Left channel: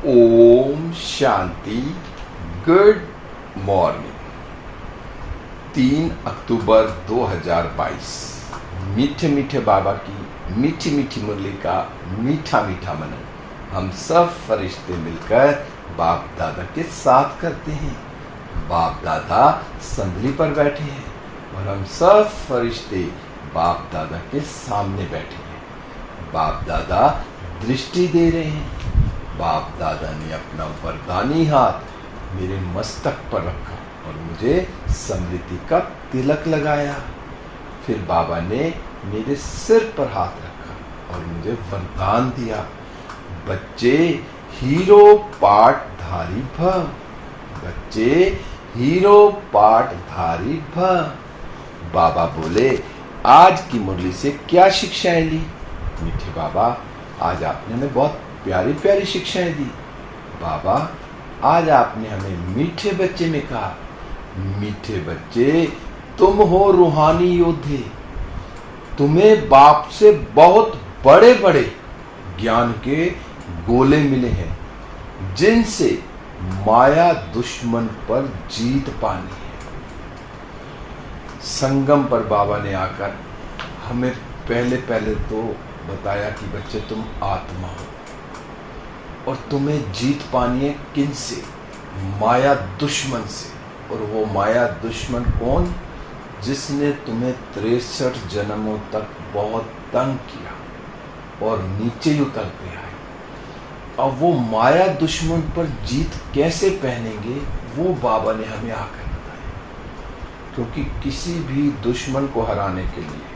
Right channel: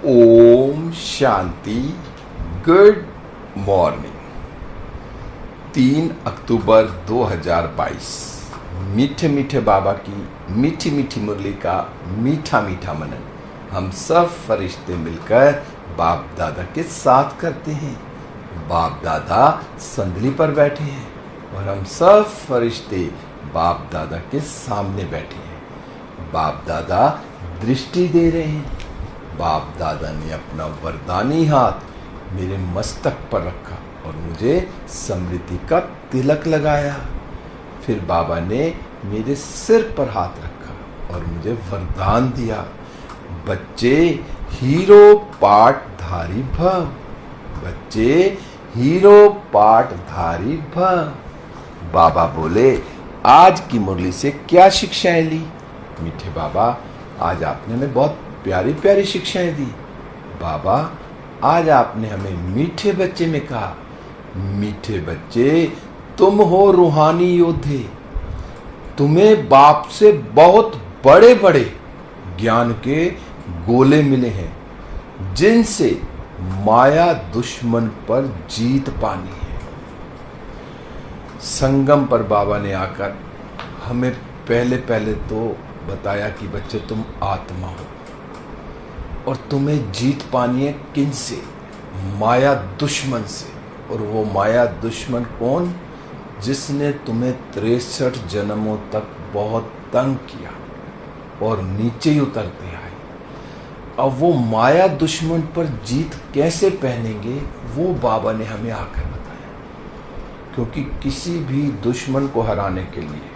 Om Shanti. Good morning. 3 अक्टूबर 2022। मीठे मीठे बाबा की मीठी मीठी मुरली का मीठा मीठा मनन हम सब फरिश्ते मिलकर बाप दादा के साथ करते हैं। बाप दादा संदली पर बैठे हैं और हम सब फरिश्ते बाप दादा के सामने बैठे हैं। बाप दादा दृष्टि दे रहे हैं। बाप दादा ने अपना वरदानी हाथ मेरे मस्तक पर रखा और मुझे स्मृति का तिलक लगाया। फिर बाबा ने मेरे सिर पर हाथ रखा और मुझे वरदान दिया, बच्चे हीरो पाठधारी भव, बच्चे हीरो पाठधारी भव। बाबा बोले, आज की मुरली से क्या शिक्षाएं ली? मीठे बाबा, आज आपने हमें बहुत प्यारी प्यारी शिक्षाएं दी। बाबा, आज आपने हमें मीठे बच्चे में कहा, मीठे बच्चे तुम हो रूहानी योद्धे। तुम्हें बाप से बहुत बड़े बड़े ज्ञान के गोले मिले हैं, जिनसे माया दुश्मन पर जीत पानी है। संगम पर बाबा ने आकर हमें पहले तो बताया कि बच्चे तुम आत्मा हो और तुम्हें जीत पानी है किनसे? माया दुश्मन से। और वो माया दुश्मन कौन? जिसने तुम्हें 63 जन्मों तक बहुत तंग किया और नीचे ही उतर दिया है। अब वो माया दुश्मन पर जीत कैसे पहनेंगे, वो बाबा ने हमें आकर बताया। क्योंकि किसी भी दुश्मन को हराने के लिए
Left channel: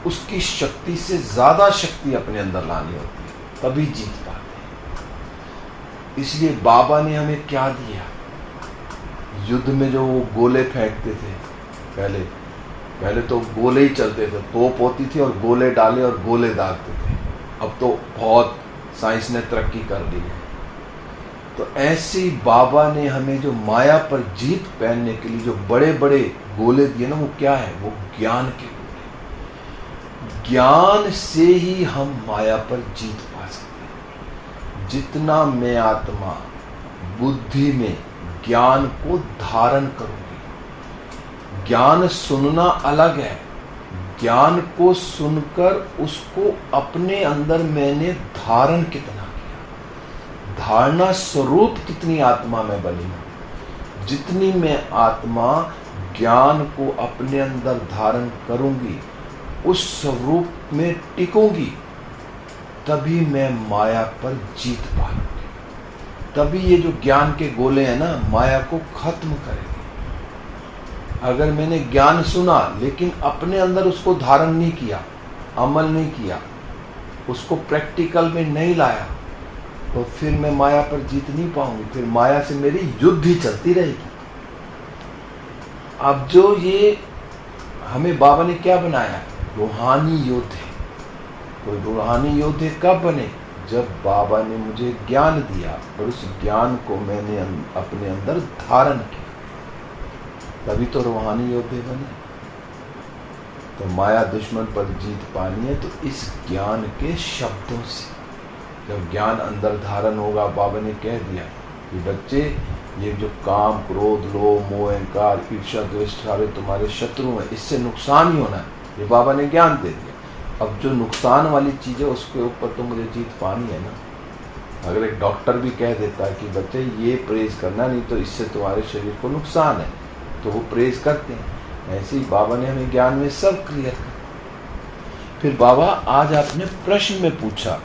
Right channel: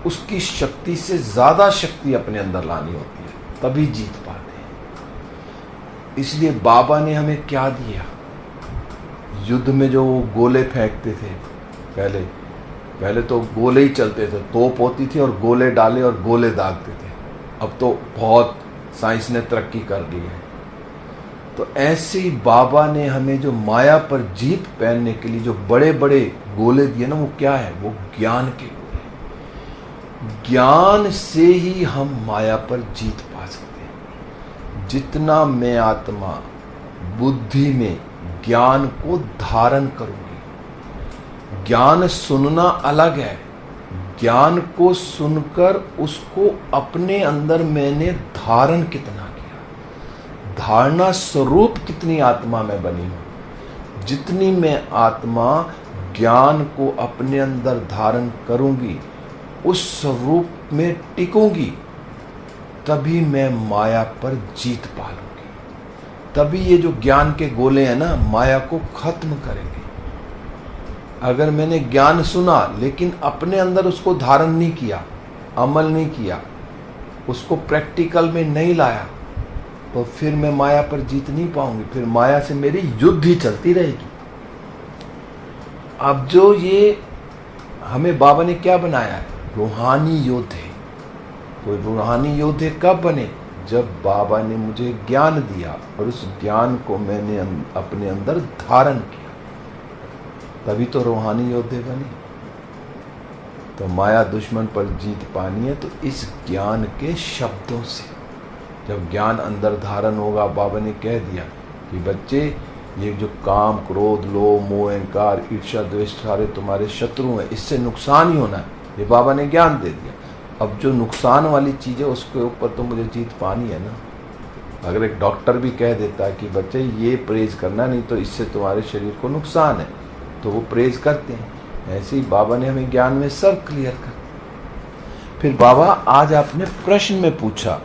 उसकी शक्ति से ज्यादा शक्ति अपने अंदर लानी होती है, तभी जीत पाते हैं। इसलिए बाबा ने हमें क्या दिया? युद्ध में जो गोले फेंकते थे, पहले तो गोले ही चलते थे, तोप होती थी और गोले डाले और गोले दागते थे। अब तो बहुत साइंस ने तरक्की कर ली है। तो ऐसे ही बाबा ने हमें जो माया पर जीत पहनने के लिए जो बड़े बड़े गोले दिए ना, वो क्या है? वो ज्ञान के गोले। ज्ञान से ही हम माया पर जीत पा सकते हैं। जितना मैं आत्मा बुद्धि में ज्ञान को धारण करूंगी। ज्ञान सुनना अलग है, ज्ञान को सुनकर उसको अपने अंदर मैंने धारण कितना किया, धारणा स्वरूप कितनी आत्मा में बनी हूं। जितनी मैं आत्मा ज्ञान को अपने अंदर धारण करूंगी, उस स्वरूप में टिकूंगी, तभी मैं माया पर जीत पाऊंगी। तभी ये जो ज्ञान के गोले हैं ना, माया को खत्म करेंगे। अगर मैंने ज्ञान सुना लेकिन अपने अंदर उसको धारण नहीं किया, अमल नहीं किया, उसको प्रैक्टिकल में नहीं लाया, तो फिर मैं माया पर जीत नहीं पाऊंगी। फिर माया से मेरी युद्ध ही चलती रहेगी। अब जो ये हमें बाबा ने क्या बनाया? रूहानी योद्धे। कोई रूहानी योद्धे कब बने? जब बाबा ने मुझे ज्ञान दिया और उस ज्ञान को मैंने अपने अंदर धारण किया, तभी तो रूहानी योद्धे बने। तो माया दुश्मन पर जीत पानी है तो इस ज्ञान के शब्दों से। जब ज्ञान अंदर धारण होगा, बाबा ने कह दिया कि बच्चे, ये जो काम, क्रोध, लोभ, मोह, अहंकार, ईर्ष्या, द्वेष सारे तुम्हारे शत्रु हैं, इससे नुकसान ही होना है। ये बाबा ने ज्ञान दे दिया। अब जो नुकसान वाली चीज है उसके ऊपर तो मुझे जीत पानी है ना। अगर एक डॉक्टर भी कह देता है कि बच्चे ये परहेज करना, नहीं तो इससे तुम्हारे शरीर को नुकसान है, तो वो परहेज करते हैं। ऐसे ही बाबा ने हमें ज्ञान में सब क्लियर कर। फिर बाबा, आज आपने प्रश्न में पूछा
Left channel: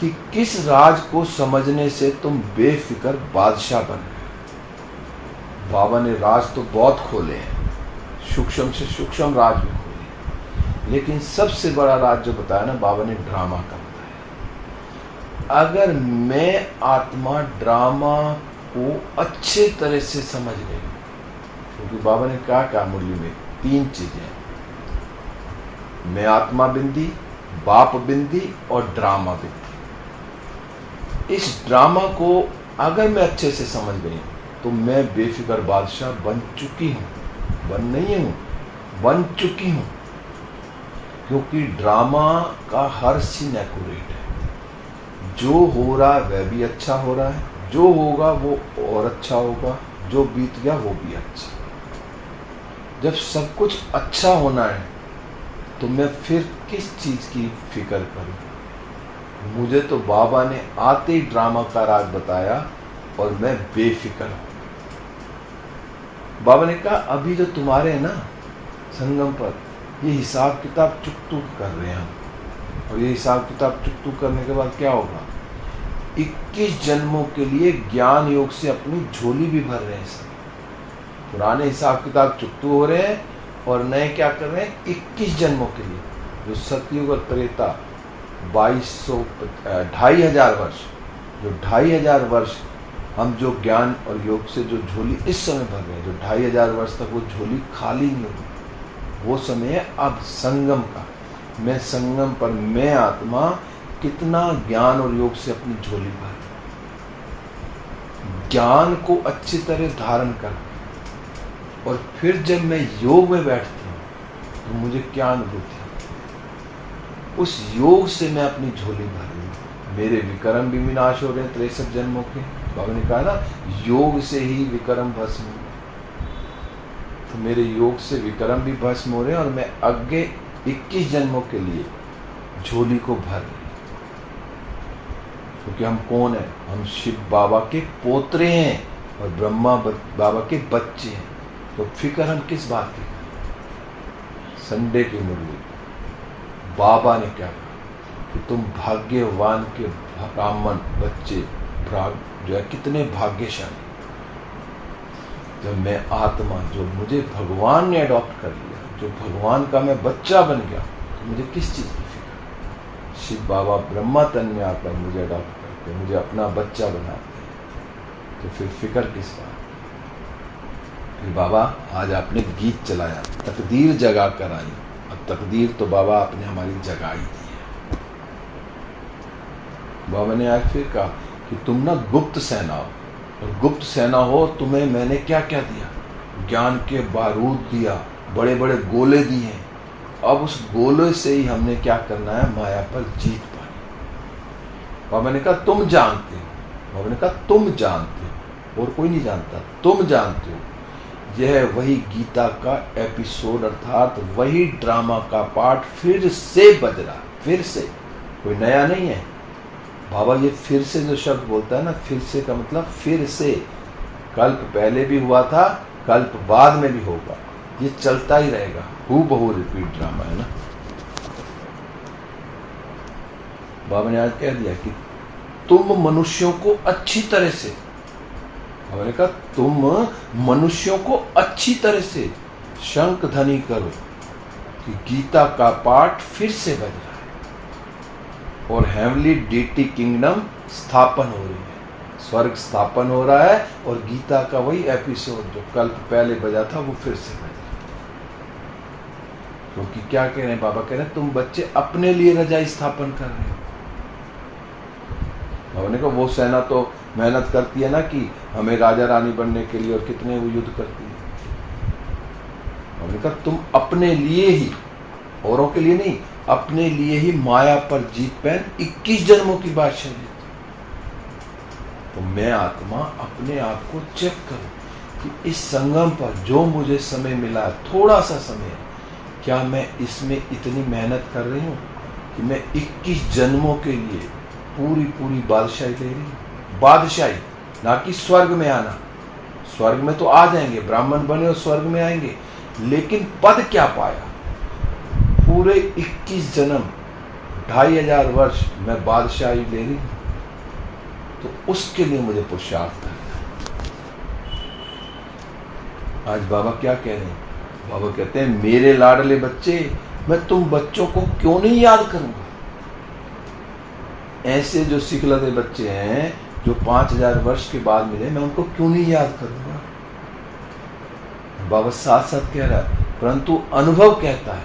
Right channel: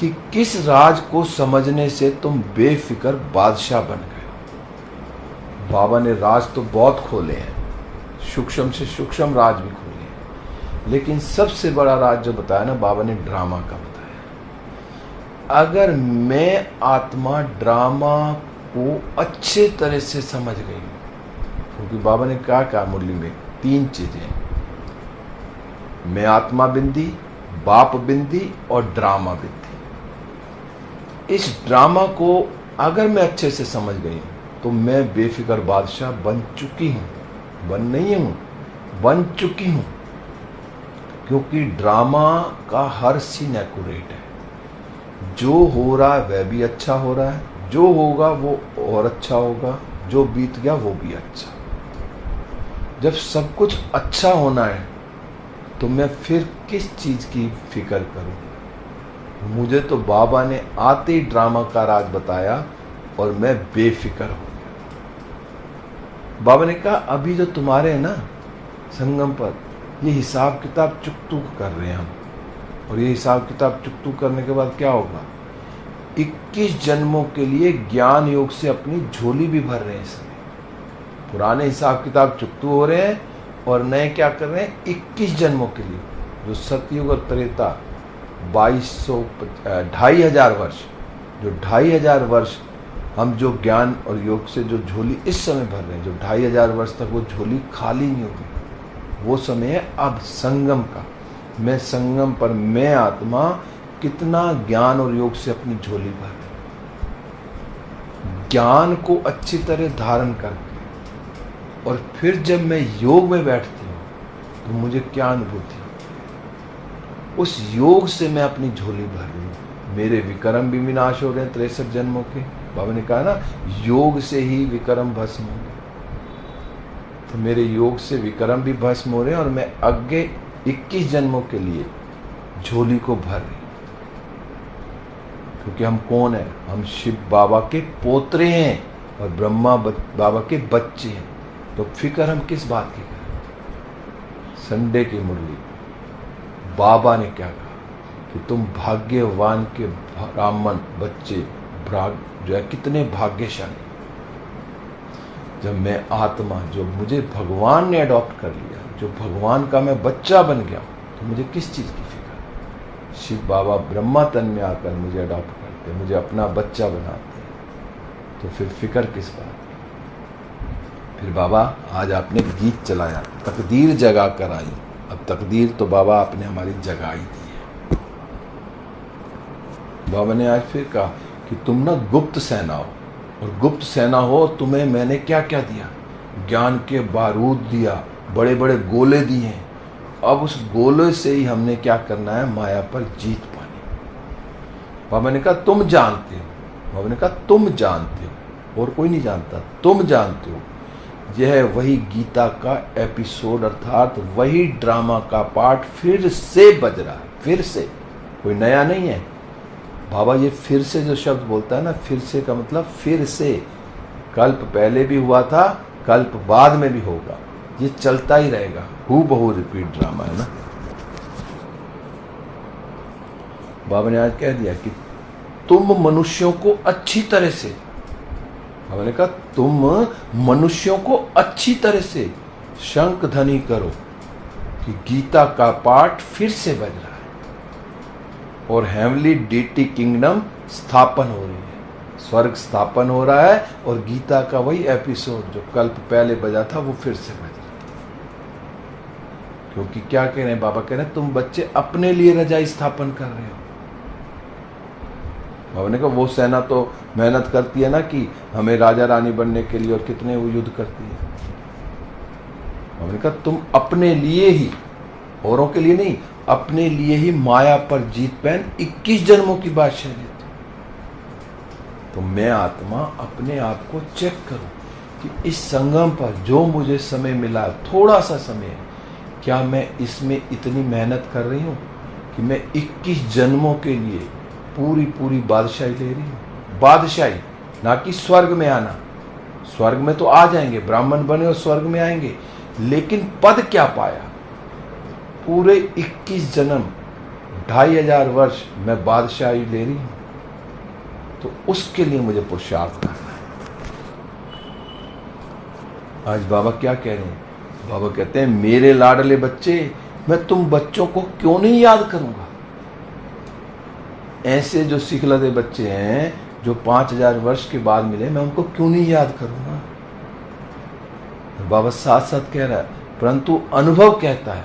कि किस राज को समझने से तुम बेफिक्र बादशाह बन गए। बाबा ने राज तो बहुत खोले हैं, सूक्ष्म से सूक्ष्म राज भी खोले, लेकिन सबसे बड़ा राज जो बताया ना बाबा ने, ड्रामा का बताया। अगर मैं आत्मा ड्रामा को अच्छे तरह से समझ गई, क्योंकि बाबा ने क्या कहा मुरली में? 3 चीजें, मैं आत्मा बिंदी, बाप बिंदी और ड्रामा बिंदी। इस ड्रामा को अगर मैं अच्छे से समझ गई तो मैं बेफिक्र बादशाह बन चुकी हूं। बन नहीं हूं, बन चुकी हूं। क्योंकि ड्रामा का हर सीन एक्यूरेट है। जो हो रहा है वह भी अच्छा हो रहा है, जो होगा वो और अच्छा होगा, जो बीत गया वो भी अच्छा। जब सब कुछ अच्छा होना है तो मैं फिर किस चीज की फिक्र करूं? मुझे तो बाबा ने आते ही ड्रामा का राग बताया और मैं बेफिक्र हूं। बाबा ने कहा अभी जो तुम्हारे है ना संगम पर, ये हिसाब किताब चुकतू कर रहे हैं हम, और ये हिसाब किताब चुकतू करने के बाद क्या होगा? 21 जन्मों के लिए ज्ञान योग से अपनी झोली भी भर रहे हैं सब। पुराने हिसाब किताब चुकतू हो रहे हैं और नए क्या कर रहे हैं? 21 जन्मों के लिए, जो सतयुग और त्रेता 2,500 वर्ष, जो 2,500 वर्ष हम जो ज्ञान और योग से जो झोली इस समय भर रहे हैं, जो 2,500 वर्ष तक वो झोली खाली नहीं होगी, वो समय है अब संगम का। मैं संगम पर, मैं आत्मा कितना ज्ञान और योग से अपनी झोली भर, ज्ञान को अच्छी तरह धारण कर, और फिर जब मैं योग में बैठती हूँ तो मुझे क्या अनुभूति? उस योग से मैं अपनी झोली भर रही हूँ। मेरे विक्रम भी विनाश हो रहे हैं 63 जन्मों के। बाबा ने कहा ना, योग से ही विक्रम भस्म हो गए, तो मेरे योग से विक्रम भी भस्म हो रहे हैं और मैं आगे 21 जन्मों के लिए झोली को भर रही हूँ। क्योंकि हम कौन है? हम शिव बाबा के पोतरे हैं और ब्रह्मा बाबा के बच्चे हैं। तो फिक्र हम किस बात की करें? संडे की मुरली बाबा ने क्या कहा कि तुम भाग्यवान के ब्राह्मण बच्चे जो है, कितने भाग्यशाली। जब मैं आत्मा, जो मुझे भगवान ने अडॉप्ट कर लिया, जो भगवान का मैं बच्चा बन गया, तो मुझे किस चीज की फिक्र? शिव बाबा ब्रह्मा तन में आकर मुझे अडॉप्ट करते, मुझे अपना बच्चा बनाते हैं, तो फिर फिक्र किस बात? फिर बाबा आज आपने गीत चलाया, तकदीर जगा कर आई। अब तकदीर तो बाबा आपने हमारी जगाई दी है। बाबा ने आज फिर कहा कि तुम ना गुप्त सेना हो, और गुप्त सेना हो, तुम्हें मैंने क्या क्या दिया? ज्ञान के बारूद दिया, बड़े बड़े गोले दिए हैं। अब उस गोले से ही हमने क्या करना है? माया पर जीत पानी। बाबा ने कहा तुम जानते हो। बाबा ने कहा तुम जानते हो, और कोई नहीं जानता, तुम जानते हो। यह वही गीता का एपिसोड, अर्थात वही ड्रामा का पार्ट फिर से बज रहा है, फिर से, कोई नया नहीं है। बाबा ये फिर से जो शब्द बोलता है ना, फिर से का मतलब फिर से, कल्प पहले भी हुआ था, कल्प बाद में भी होगा, ये चलता ही रहेगा, हूबहू रिपीट ड्रामा है ना। बाबा ने आज कह दिया कि तुम मनुष्यों को अच्छी तरह से, बाबा ने कहा तुम मनुष्यों को अच्छी तरह से शंख ध्वनि करो कि गीता का पाठ फिर से बज रहा है और हेवनली डीटी किंगडम स्थापन हो रही है, स्वर्ग स्थापन हो रहा है, और गीता का वही एपिसोड जो कल्प पहले बजा था वो फिर से बज रहा है। क्योंकि क्या कह रहे हैं बाबा? कह रहे हैं तुम बच्चे अपने लिए रजाई स्थापन कर रहे हो। बाबा ने कहा वो सेना तो मेहनत करती है ना कि हमें राजा रानी बनने के लिए, और कितने वो युद्ध करती है। बाबा ने कहा तुम अपने लिए ही, औरों के लिए नहीं, अपने लिए ही माया पर जीत पहन 21 जन्मों की बादशाह लेती। तो मैं आत्मा अपने आप को चेक करूं कि इस संगम पर जो मुझे समय मिला है, थोड़ा सा समय, क्या मैं इसमें इतनी मेहनत कर रही हूं कि मैं 21 जन्मों के लिए पूरी पूरी बादशाही ले रही हूं? बादशाही, ना कि स्वर्ग में आना। स्वर्ग में तो आ जाएंगे, ब्राह्मण बने और स्वर्ग में आएंगे, लेकिन पद क्या पाया? पूरे 21 जन्म, 2,500 वर्ष मैं बादशाही ले रही हूं, तो उसके लिए मुझे पुरुषार्थ करना है। आज बाबा क्या कह रहे हैं? बाबा कहते हैं मेरे लाडले बच्चे, मैं तुम बच्चों को क्यों नहीं याद करूंगा? ऐसे जो सिखलते बच्चे हैं जो 5,000 वर्ष के बाद मिले, मैं उनको क्यों नहीं याद करूंगा? बाबा साथ साथ कह रहा है, परंतु अनुभव कहता है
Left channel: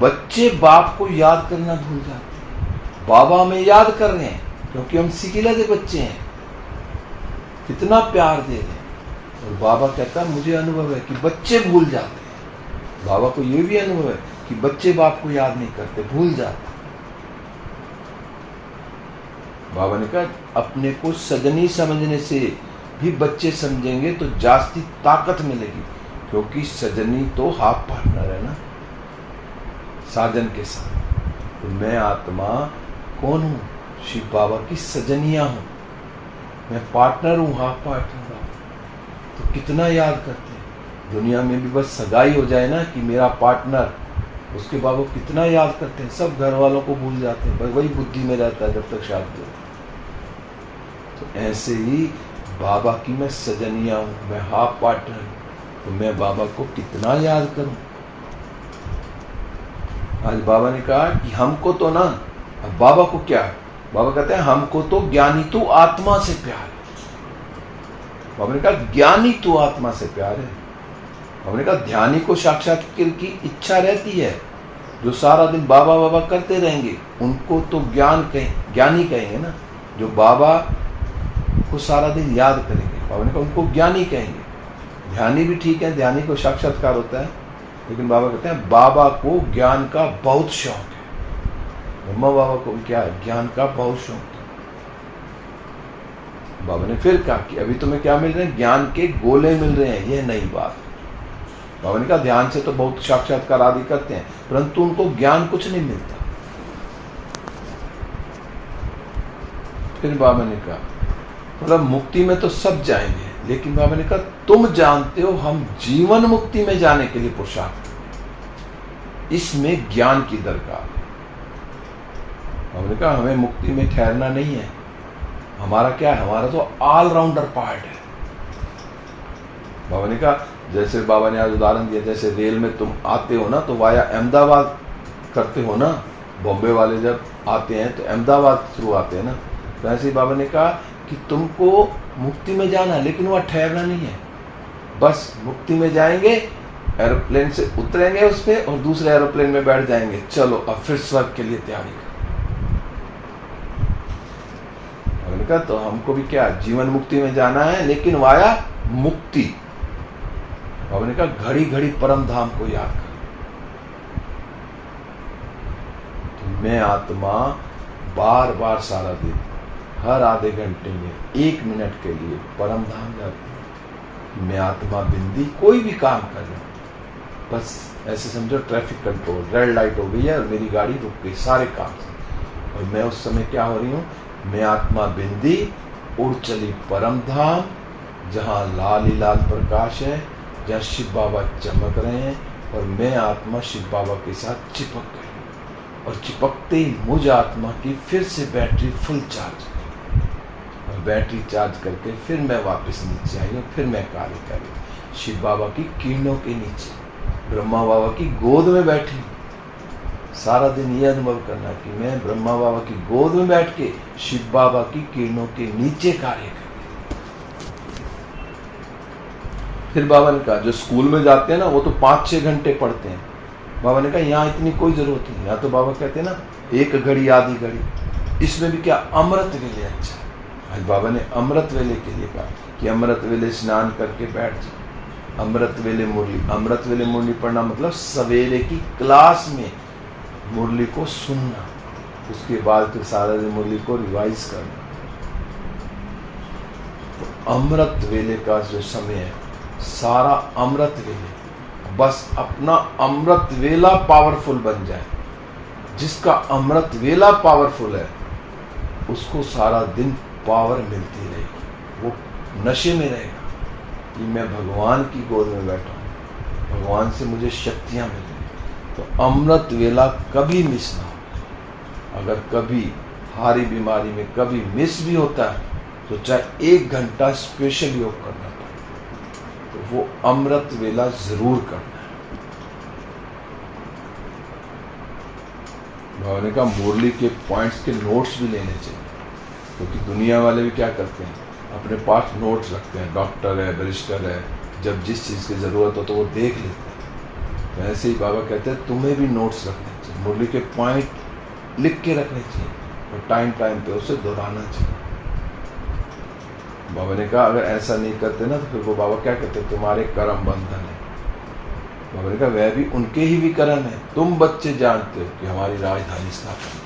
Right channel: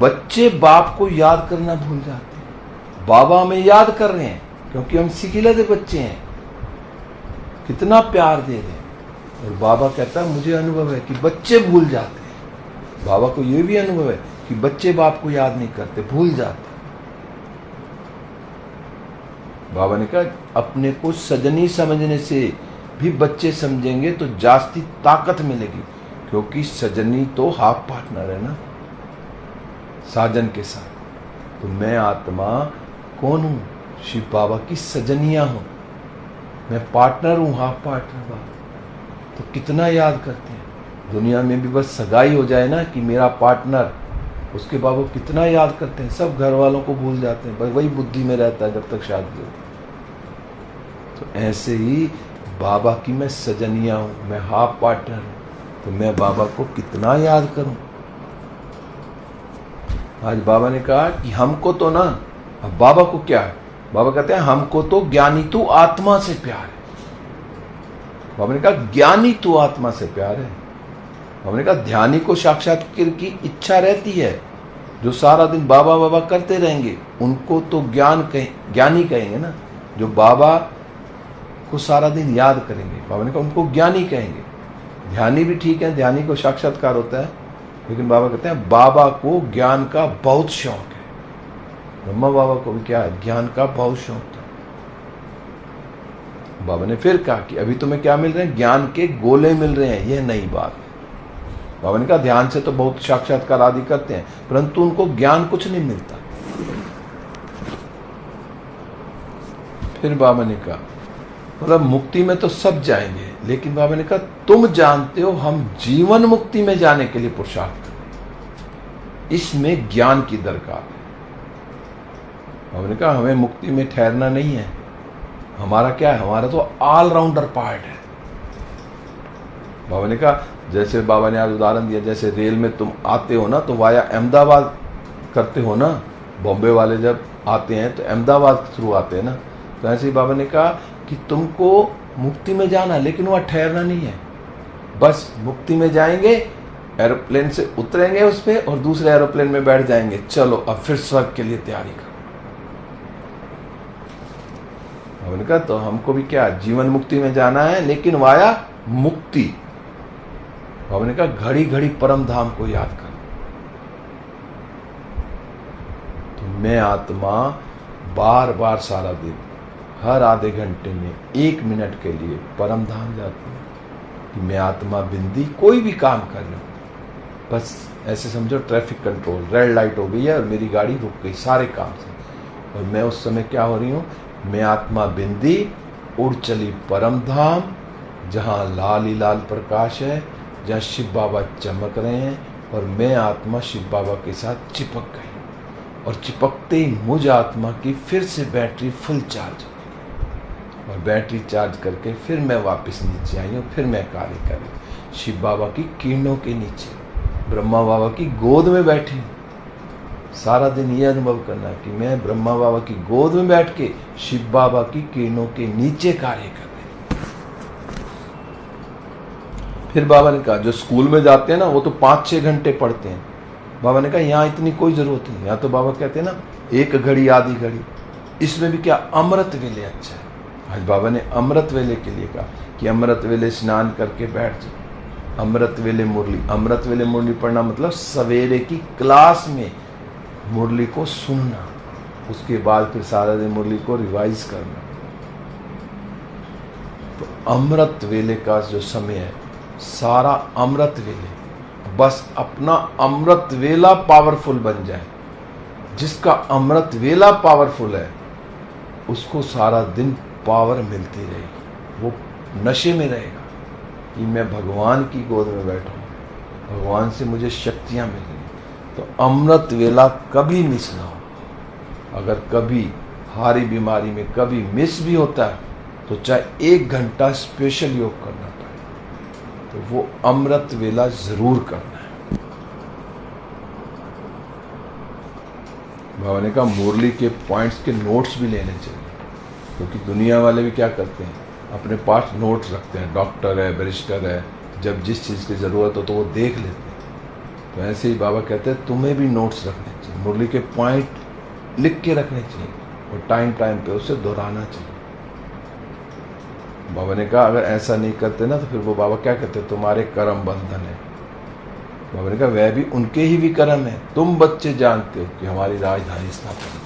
बच्चे बाप को याद करना भूल जाते हैं। बाबा हमें याद कर रहे हैं क्योंकि हम सिखलते बच्चे हैं, कितना प्यार दे रहे हैं। और बाबा कहता है मुझे अनुभव है कि बच्चे भूल जाते हैं। बाबा को यह भी अनुभव है कि बच्चे बाप को याद नहीं करते, भूल जाते। बाबा ने कहा अपने को सजनी समझने से भी बच्चे समझेंगे तो जास्ती ताकत मिलेगी, क्योंकि सजनी तो हाफ पार्टनर है ना साजन के साथ। तो मैं आत्मा कौन हूँ? शिव बाबा की सजनिया हूँ, मैं पार्टनर हूँ, हाफ पार्टनर। तो कितना याद करते हैं। दुनिया में भी बस सगाई हो जाए ना कि मेरा पार्टनर, उसके बाबा कितना याद करते हैं। सब घर वालों को भूल जाते हैं, बस वही बुद्धि में रहता है जब तक शादी होती है। तो ऐसे ही बाबा की मैं सजनिया हूँ, मैं हाफ पार्टनर हूँ, तो मैं बाबा को कितना याद करूं। आज बाबा ने कहा कि हमको तो ना, अब बाबा को क्या, बाबा कहते हैं हमको तो ज्ञानी तू आत्मा से प्यार है। बाबा ने कहा ज्ञानी तू आत्मा से प्यार है। बाबा ने कहा ध्यानी को साक्षात्कार की इच्छा रहती है, जो सारा दिन बाबा बाबा करते रहेंगे उनको तो ज्ञानी कहेंगे ना, जो बाबा को सारा दिन याद करेंगे, बाबा ने कहा उनको ज्ञानी कहेंगे। ध्यानी भी ठीक है, ध्यानी को साक्षात्कार होता है, लेकिन बाबा कहते हैं बाबा को ज्ञान का बहुत शौक है। ब्रह्मा बाबा को भी क्या है? ज्ञान का बहुत शौक है। बाबा ने फिर कहा कि अभी तुम्हें क्या मिल रहे हैं? ज्ञान के गोले मिल रहे हैं, यह नई बात। बाबा ने कहा ध्यान से तो बहुत साक्षात्कार आदि करते हैं, परंतु उनको ज्ञान कुछ नहीं मिलता। फिर बाबा ने कहा मतलब मुक्ति में तो सब जाएंगे, लेकिन बाबा ने कहा तुम जानते हो हम जीवन मुक्ति में जाने के लिए पुरुषार्थ, इसमें ज्ञान की दरकार है। बाबा ने कहा हमें मुक्ति में ठहरना नहीं है, हमारा क्या है? हमारा तो ऑलराउंडर पार्ट है। बाबा ने कहा जैसे बाबा ने आज उदाहरण दिया, जैसे रेल में तुम आते हो ना तो वाया अहमदाबाद करते हो ना, बॉम्बे वाले जब आते हैं तो अहमदाबाद थ्रू आते हैं ना, तो ऐसे ही बाबा ने कहा कि तुमको मुक्ति में जाना, लेकिन वहां ठहरना नहीं है। बस मुक्ति में जाएंगे, एरोप्लेन से उतरेंगे उस पे और दूसरे एरोप्लेन में बैठ जाएंगे, चलो अब फिर स्वर्ग के लिए तैयारी करो। बाबा ने कहा तो हमको भी क्या जीवन मुक्ति में जाना है, लेकिन वाया मुक्ति। बाबा ने कहा घड़ी घड़ी परम धाम को याद करो। तो मैं आत्मा बार बार सारा दिन हर आधे घंटे में 1 मिनट के लिए परम धाम जाती हूँ। मैं आत्मा बिंदी कोई भी काम कर रहा हूँ, बस ऐसे समझो ट्रैफिक कंट्रोल, रेड लाइट हो गई है और मेरी गाड़ी रुक गई सारे काम से, और मैं उस समय क्या हो रही हूँ? मैं आत्मा बिंदी उड़ चली परम धाम, जहाँ लाल ही लाल प्रकाश है, जहाँ शिव बाबा चमक रहे हैं, और मैं आत्मा शिव बाबा के साथ चिपक गई, और चिपकते ही मुझ आत्मा की फिर से बैटरी फुल चार्ज, और बैटरी चार्ज करके फिर मैं वापस नीचे आई हूँ, फिर मैं कार्य कर रही हूँ शिव बाबा की किरणों के नीचे, ब्रह्मा बाबा की गोद में बैठी हूँ। सारा दिन ये अनुभव करना कि मैं ब्रह्मा बाबा की गोद में बैठ के शिव बाबा की किरणों के नीचे कार्य कर रही हूँ। फिर बाबा ने कहा जो स्कूल में जाते हैं ना वो तो 5-6 घंटे पढ़ते हैं। बाबा ने कहा यहाँ इतनी कोई जरूरत नहीं, यहाँ तो बाबा कहते हैं ना 1 घड़ी आधी घड़ी, इसमें भी क्या अमृत वेले अच्छा। आज बाबा ने अमृत वेले के लिए कहा कि अमृत वेले स्नान करके बैठ जाए, अमृत वेले मुरली। अमृत वेले मुरली पढ़ना मतलब सवेरे की क्लास में मुरली को सुनना, उसके बाद फिर सारा दिन मुरली को रिवाइज करना। तो अमृत वेले का जो समय है सारा अमृत वेले, बस अपना अमृत वेला पावरफुल बन जाए। जिसका अमृत वेला पावरफुल है उसको सारा दिन पावर मिलती रहेगी, वो नशे में रहेगा कि मैं भगवान की गोद में बैठा हूँ, भगवान से मुझे शक्तियां मिल रही। तो अमृत वेला कभी मिस ना हो। अगर कभी हारी बीमारी में कभी मिस भी होता है तो चाहे 1 घंटा स्पेशल योग करना पड़े, तो वो अमृत वेला जरूर करना है। बाबा ने कहा मुरली के पॉइंट्स के नोट्स भी लेने चाहिए, क्योंकि दुनिया वाले भी क्या करते हैं अपने पास नोट्स रखते हैं, डॉक्टर है, बैरिस्टर है, जब जिस चीज़ की ज़रूरत हो तो वो देख लेते हैं। तो ऐसे ही बाबा कहते हैं तुम्हें भी नोट्स रखने चाहिए, मुरली के पॉइंट लिख के रखने चाहिए, तो टाइम टाइम पे उसे दोहराना चाहिए। बाबा ने कहा अगर ऐसा नहीं करते ना तो फिर वो बाबा क्या कहते तुम्हारे कर्म बंधन है। बाबा ने कहा वह भी उनके ही भी कर्म है, तुम बच्चे जानते हो कि हमारी राजधानी स्थापना।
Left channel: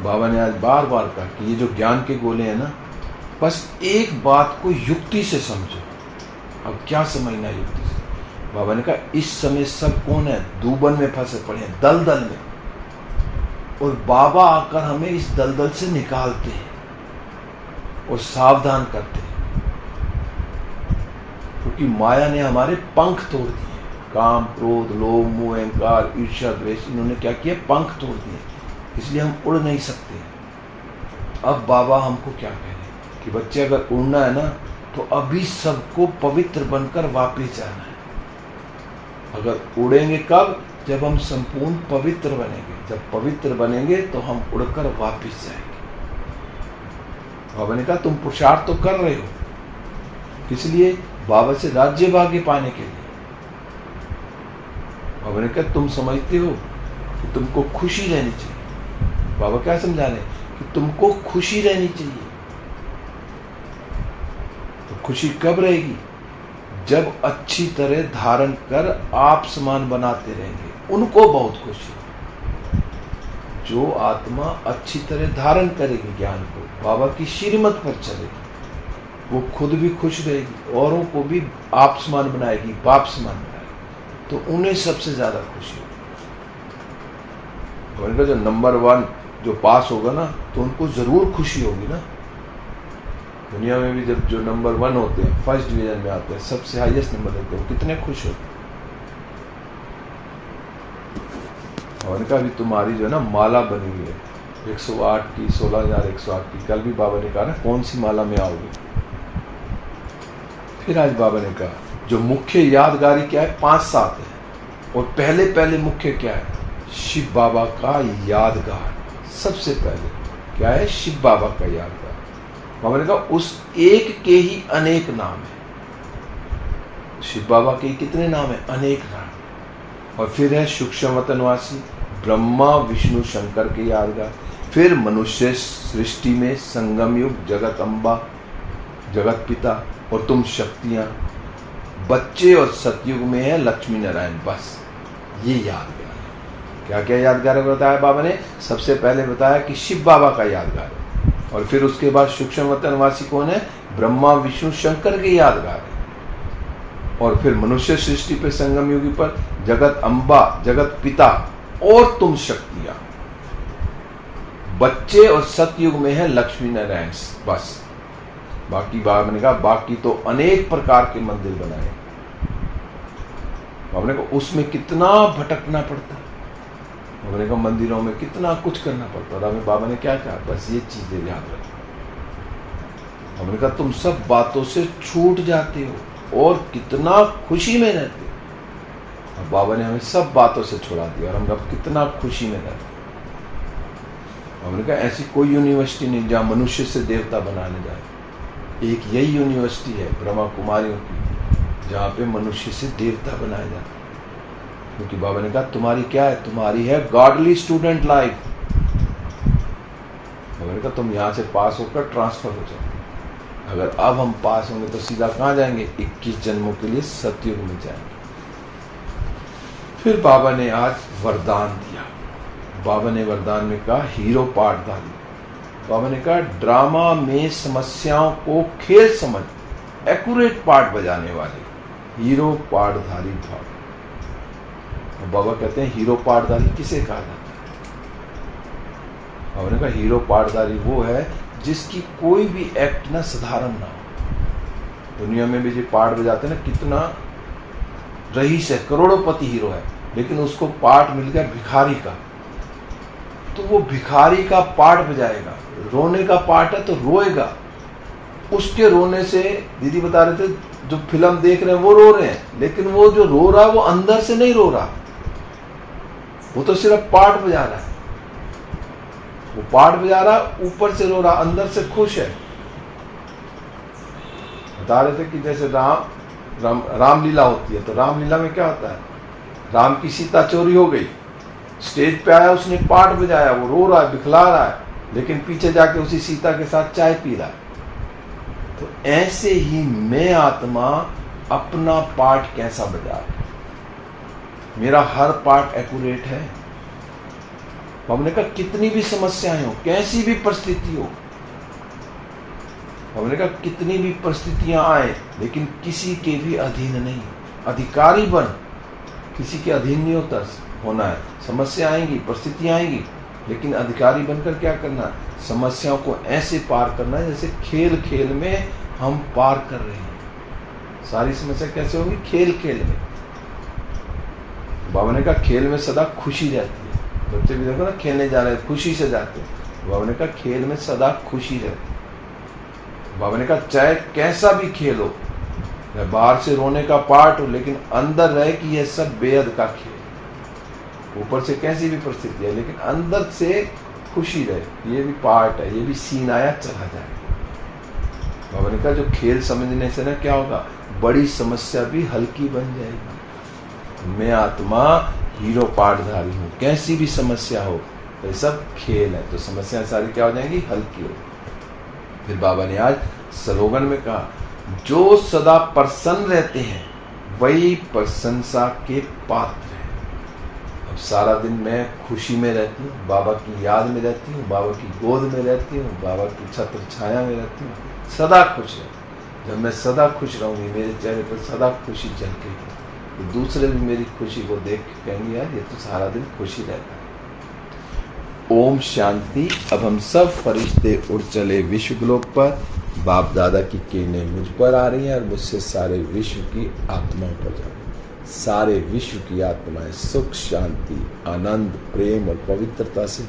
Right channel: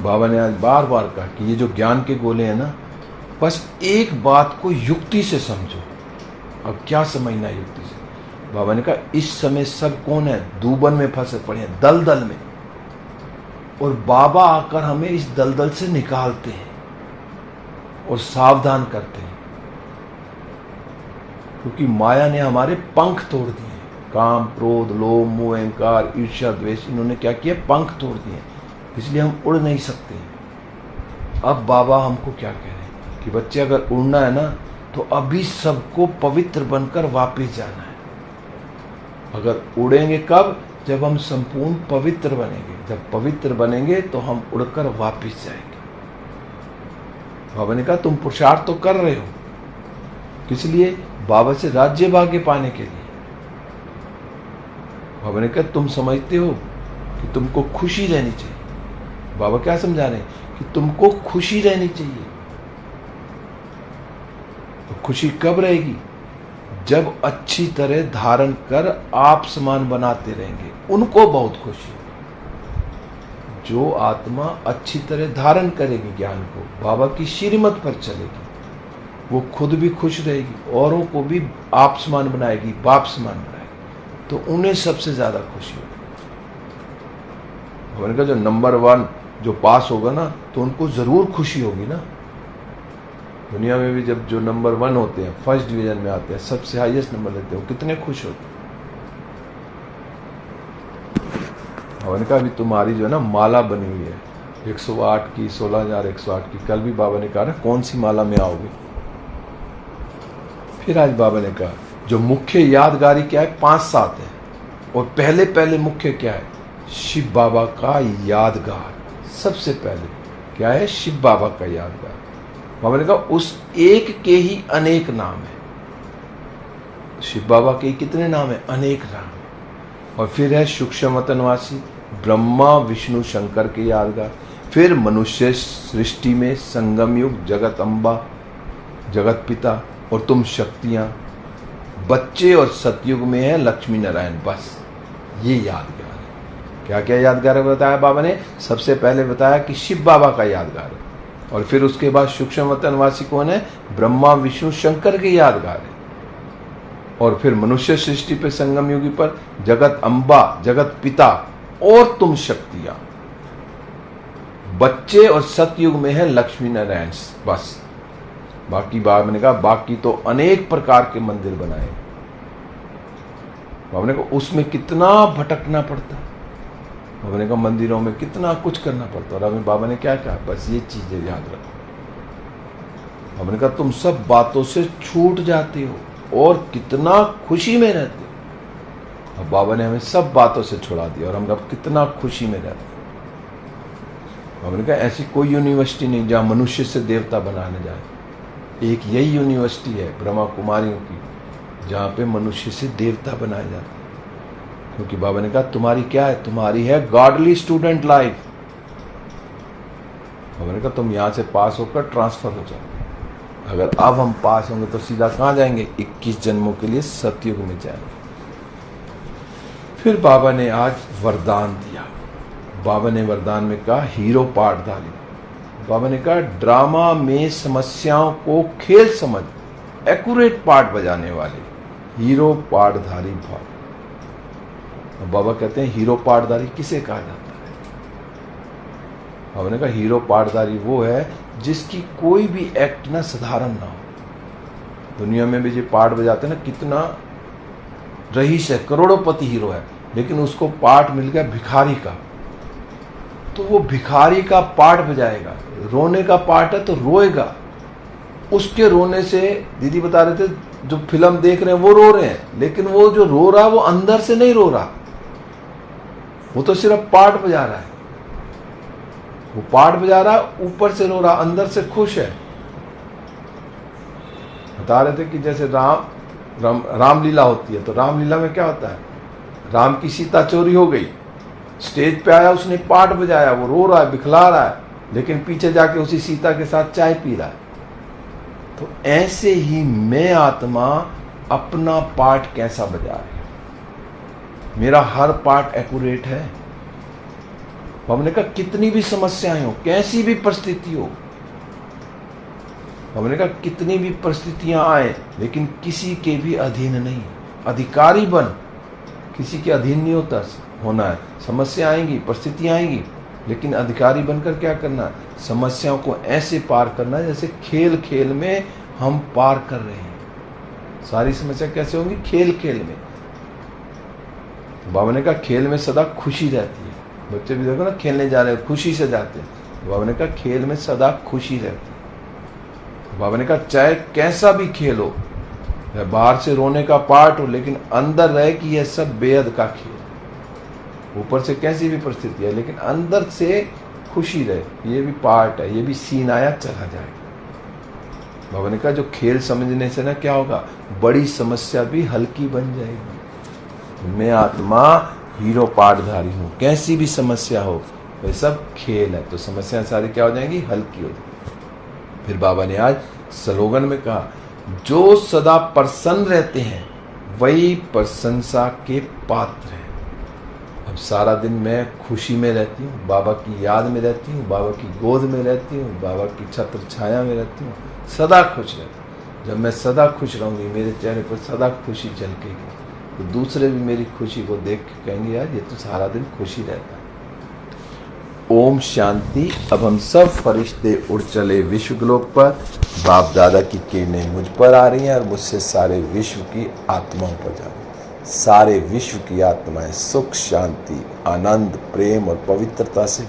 बाबा ने आज बार बार कहा कि ये जो ज्ञान के गोले हैं ना, बस एक बात को युक्ति से समझो। अब क्या समझना युक्ति से? बाबा ने कहा इस समय सब कौन है? दूबन में फंसे पड़े हैं, दलदल में, और बाबा आकर हमें इस दलदल से निकालते हैं और सावधान करते हैं, क्योंकि माया ने हमारे पंख तोड़ दिए। काम, क्रोध, लोभ, मोह, अहंकार, ईर्ष्या, द्वेष, इन्होंने क्या किया? पंख तोड़ दिए, इसलिए हम उड़ नहीं सकते। अब बाबा हमको क्या कह रहे हैं कि बच्चे अगर उड़ना है ना, तो अभी सबको पवित्र बनकर वापस जाना है। अगर उड़ेंगे कब? जब हम संपूर्ण पवित्र बनेंगे। जब पवित्र बनेंगे तो हम उड़कर वापस जाएंगे। बाबा ने कहा तुम पुरुषार्थ तो कर रहे हो, किस लिए? बाबा से राज्य भाग्य पाने के लिए। बाबा ने कहा तुम समझते हो कि तुमको खुशी रहनी चाहिए। बाबा क्या समझा रहे हैं? कि तुमको खुशी रहनी चाहिए। तो खुशी कब रहेगी? जब अच्छी तरह धारण कर आप समान बनाते रहेंगे, उनको बहुत खुशी होगी। जो आत्मा अच्छी तरह धारण करेगी ज्ञान को, बाबा की श्रीमत पर चलेगी, वो खुद भी खुश रहेगी, औरों को भी आप समान बनाएगी, बाप समान बनाएगी, तो उन्हें सबसे ज्यादा खुशी होगी। उनका जो नंबर 1 जो पास होगा ना, तो उनको जरूर खुशी होगी ना। दुनिया में भी जब जो नंबर 1 होते हैं, फर्स्ट डिवीजन में आते हैं, सबसे हाईएस्ट नंबर लेते हैं, कितने खुश होते हैं। और उनका भी तुम्हारी जो है ना माला बनी हुई है 108 की, 16,108 की। कल भी बाबा ने कहा ना कौन सी माला में आओगे। फिर आज बाबा ने कहा जो मुख्य यादगारी क्या है? 5-7 है। और पहले पहले मुख्य क्या है? शिव बाबा का यादगार। सबसे पहले क्या है? शिव बाबा का यादगार। बाबा ने कहा उस एक के ही अनेक नाम है। शिव बाबा के कितने नाम है? अनेक नाम। और फिर है सूक्ष्म वतनवासी, ब्रह्मा विष्णु शंकर के यादगार। फिर मनुष्य सृष्टि में संगम युग, जगत अम्बा, जगत पिता और तुम शक्तियां। बच्चे और सतयुग में है लक्ष्मी नारायण। बस ये यादगार है। क्या क्या यादगार बताया बाबा ने? सबसे पहले बताया कि शिव बाबा का यादगार है, और फिर उसके बाद सूक्ष्म वतनवासी कौन है? ब्रह्मा विष्णु शंकर के यादगार है। और फिर मनुष्य सृष्टि पे संगम युगी पर जगत अम्बा, जगत पिता और तुम शक्तियां। बच्चे और सतयुग में है लक्ष्मी नारायण। बस बाकी बाबा ने कहा बाकी तो अनेक प्रकार के मंदिर बनाए। बाबा ने कहा उसमें कितना भटकना पड़ता है। बाबा ने कहा मंदिरों में कितना कुछ करना पड़ता है। और अभी बाबा ने क्या कहा? बस ये चीजें याद रखो। बाबा ने कहा तुम सब बातों से छूट जाते हो और कितना खुशी में रहते हो। अब बाबा ने हमें सब बातों से छुड़ा दिया और हम अब कितना खुशी में रहते हैं। बाबा ने कहा ऐसी कोई यूनिवर्सिटी नहीं जहां मनुष्य से देवता बनाने जाए। एक यही यूनिवर्सिटी है ब्रह्मा कुमारियों की, जहां पे मनुष्य से देवता बनाए जाते हैं। क्योंकि बाबा ने कहा तुम्हारी क्या है? तुम्हारी है गॉडली स्टूडेंट लाइफ। बाबा ने कहा तुम यहां से पास होकर ट्रांसफर हो जाओ। अगर अब हम पास होंगे तो सीधा कहां जाएंगे? 21 जन्मों के लिए सतयुग में जाएंगे। फिर बाबा ने आज वरदान दिया। बाबा ने वरदान में कहा हीरो पाठधारी। बाबा ने कहा ड्रामा में समस्याओं को खेल समझ एक्यूरेट पार्ट बजाने वाले हीरो पाठधारी भाव। बाबा कहते हैं हीरो पाठधारी किसे कहा जाता है? बाबा ने कहा हीरो पाठधारी वो है जिसकी कोई भी एक्ट ना साधारण ना हो। दुनिया में भी जो पाठ बजाते हैं ना, कितना रईस है, करोड़ोंपति हीरो है, लेकिन उसको पाठ मिल गया भिखारी का, तो वो भिखारी का पाठ बजाएगा। रोने का पाठ है तो रोएगा। उसके रोने से दीदी बता रहे थे जो फिल्म देख रहे हैं वो रो रहे हैं, लेकिन वो जो रो रहा है वो अंदर से नहीं रो रहा, वो तो सिर्फ पाठ बजा रहा है। वो पाठ बजा रहा है, ऊपर से रो रहा, अंदर से खुश है। बता रहे थे कि जैसे रामलीला होती है, तो रामलीला में क्या होता है? राम की सीता चोरी हो गई, स्टेज पे आया, उसने पाठ बजाया, वो रो रहा है, बिखला रहा है, लेकिन पीछे जाके उसी सीता के साथ चाय पी रहा है। तो ऐसे ही मैं आत्मा अपना पाठ कैसा बजा रहा है? मेरा हर पार्ट एक्यूरेट है। हमने कहा कितनी भी समस्याएं हो, कैसी भी परिस्थिति हो, हमने कहा कितनी भी परिस्थितियां आए, लेकिन किसी के भी अधीन नहीं, अधिकारी बन, किसी के अधीन नहीं होना है। समस्या आएंगी, परिस्थितियां आएंगी, लेकिन अधिकारी बनकर क्या करना है? समस्याओं को ऐसे पार करना है जैसे खेल खेल में हम पार कर रहे हैं। सारी समस्या कैसे होगी? खेल खेल में। बाबा ने कहा खेल में सदा खुशी रहती है। बच्चे भी देखो ना, खेलने जा रहे हैं, खुशी से जाते हैं। बाबा ने कहा खेल में सदा खुशी रहती है। बाबा ने कहा चाहे कैसा भी खेल हो, या बाहर से रोने का पार्ट हो, लेकिन अंदर रहे कि यह सब बेहद का खेल। ऊपर से कैसी भी परिस्थिति है, लेकिन अंदर से खुशी रहे, ये भी पार्ट है, ये भी सीन आया चला जाए। बाबा ने कहा जो खेल समझने से ना क्या होगा, बड़ी समस्या भी हल्की बन जाएगी। मैं आत्मा हीरो पाठधारी हूं, कैसी भी समस्या हो, ये सब खेल है, तो समस्या सारी क्या हो जाएंगी? हल्की हो। फिर बाबा ने आज स्लोगन में कहा जो सदा प्रसन्न रहते हैं वही प्रशंसा के पात्र हैं। अब सारा दिन मैं खुशी में रहती हूँ, बाबा की याद में रहती हूँ, बाबा की गोद में रहती हूँ, बाबा की छत्र छाया में रहती हूँ, सदा खुश रहती। जब मैं सदा खुश रहूंगी, मेरे चेहरे पर सदा खुशी झलकेगी, तो दूसरे भी मेरी खुशी को देख के कहेंगे यार ये तो सारा दिन खुशी रहता है। ओम शांति। अब हम सब फरिश्ते उड़ चले विश्वगोलोक पर। बाप दादा की किरणें मुझ पर आ रही हैं और मुझसे सारे विश्व की आत्माओं पर जा रही हैं। सारे विश्व की आत्माएं सुख, शांति, आनंद, प्रेम और पवित्रता से